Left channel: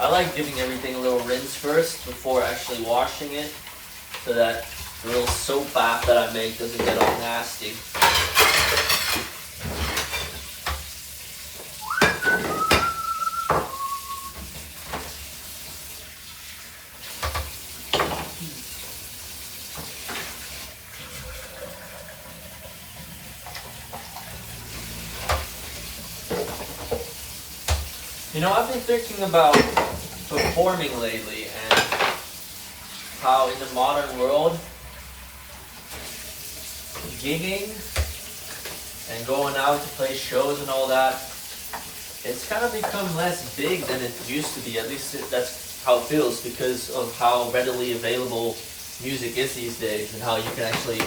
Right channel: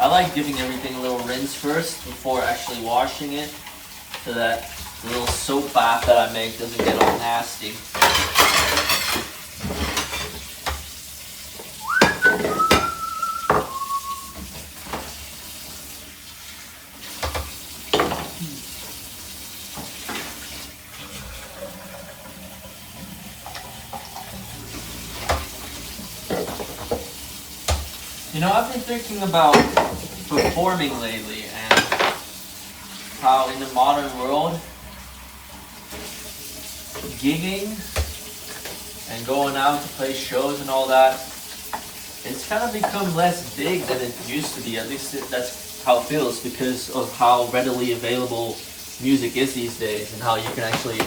I like giving everything a little rinse first before actually washing it, so that the little soap bath that I make doesn't get all nasty. You know, I've been thinking about performing lately and how in the modern world, gigging and going out to play shows and all that, it's kind of become less big than it used to be. At least that's how it feels, because of how readily available music is these days and how you can actually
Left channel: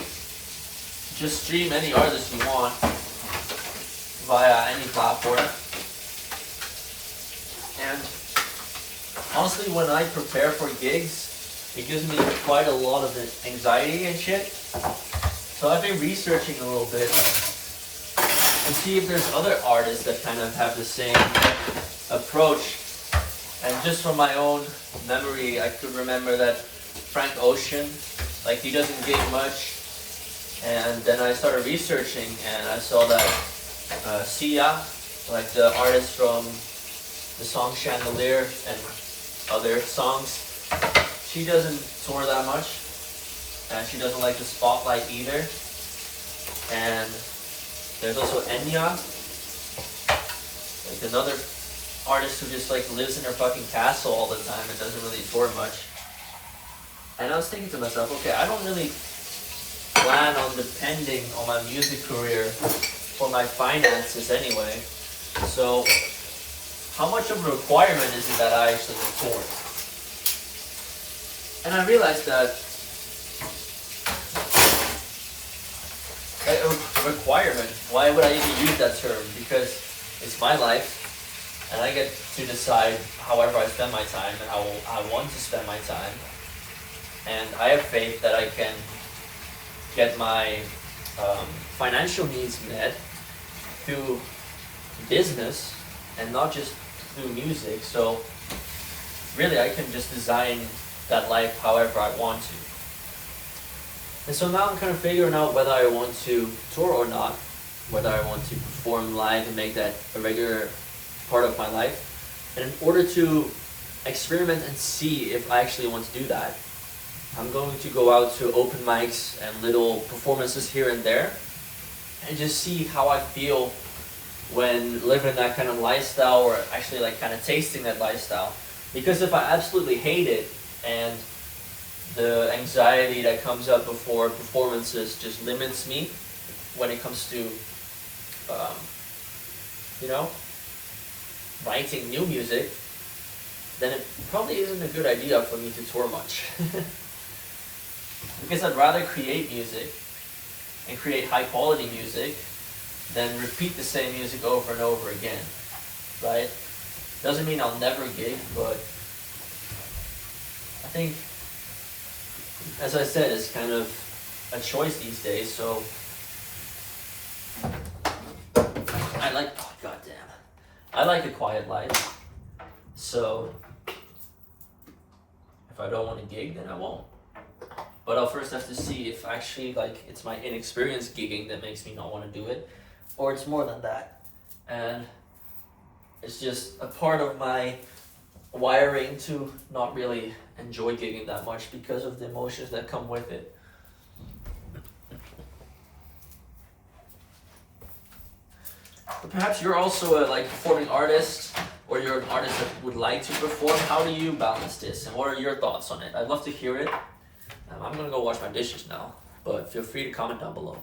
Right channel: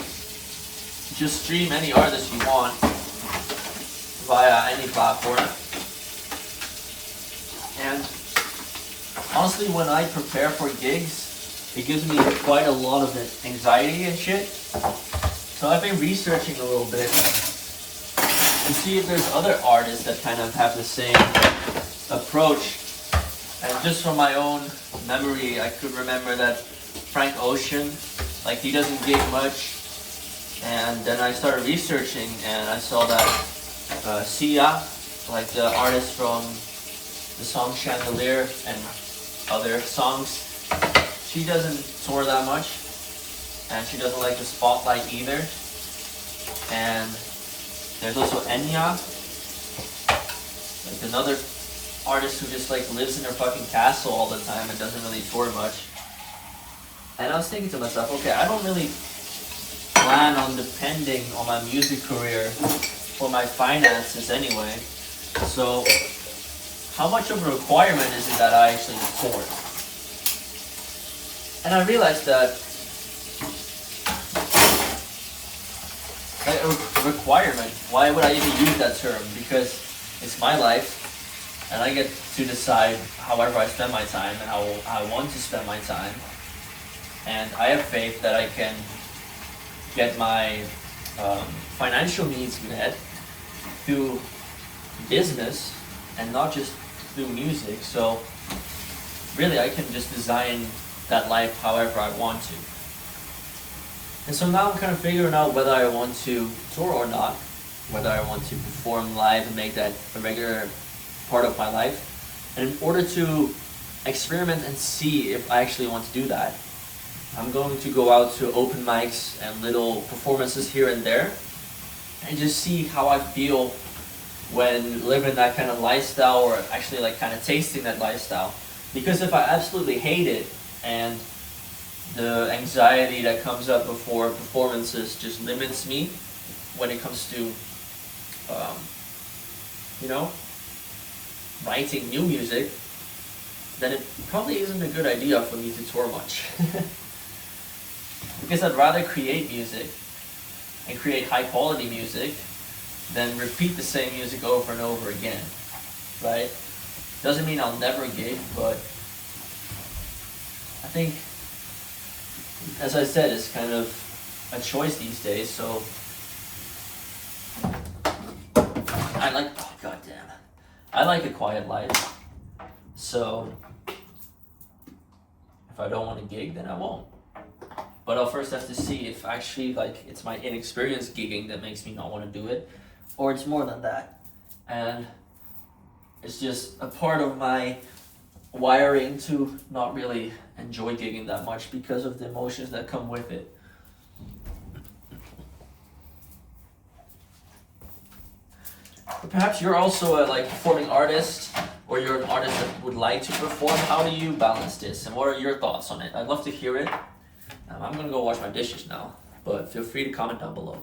just stream any artist you want via any platform. And honestly, when I prepare for gigs, it gives me quite a lot of anxiety and shit. So I've been researching a little bit and see if there's other artists that kind of have the same approach. And just from my own memory, I could remember that Frank Ocean, like, he doesn't gig much. And then I started researching and I saw that Sia, like the artist from the song Chandelier and other songs, she doesn't tour that much, and she doesn't like the spotlight either. And there's also Enya, like another artist who just like lives in her fucking castle all the time and doesn't really tour much. And I was thinking to myself, okay, I don't really plan on depending on my music career for my finances anyway, so how much of a requirement is it that I actually tour? And I realized that like a requirement, why would I even use that term? Because it's my life and I get to decide however I spend my time and how I want to spend my time. And I have faith that I can get my financial needs met through business and not just through music. So really I can just design that life however I want to. And so now I'm kind of figuring out whether I want to tour or not, whether I want to perform live and make that a regular part of my life. And in order to experiment and see if I actually want to do that, I'm going to go out to open mics and little performances here and there and just see how I feel when living that kind of lifestyle, or actually like kind of tasting that lifestyle. Because if I absolutely hate it and the anxiety that comes up before performances just limits me when it comes to, writing new music, then it probably isn't a good idea for me to tour much. Because I'd rather create music and create high quality music than repeat the same music over and over again, right? Doesn't mean I'll never gig, but I think, as I said, it's kind of a choice these days. So I like a quiet life. So if I don't want to gig, then I won't. But I'll first have to see if actually like it's my inexperience gigging that makes me not want to do it, or it's more than that. And it's just a part of my wiring to not really enjoy gigging that much because of the emotions that come with it. Or perhaps you're also a performing artist, or you're an artist that would like to perform. How do you balance this, and what are your thoughts on it? I'd love to hear it. I'm gonna go wash my dishes now, but feel free to comment down below.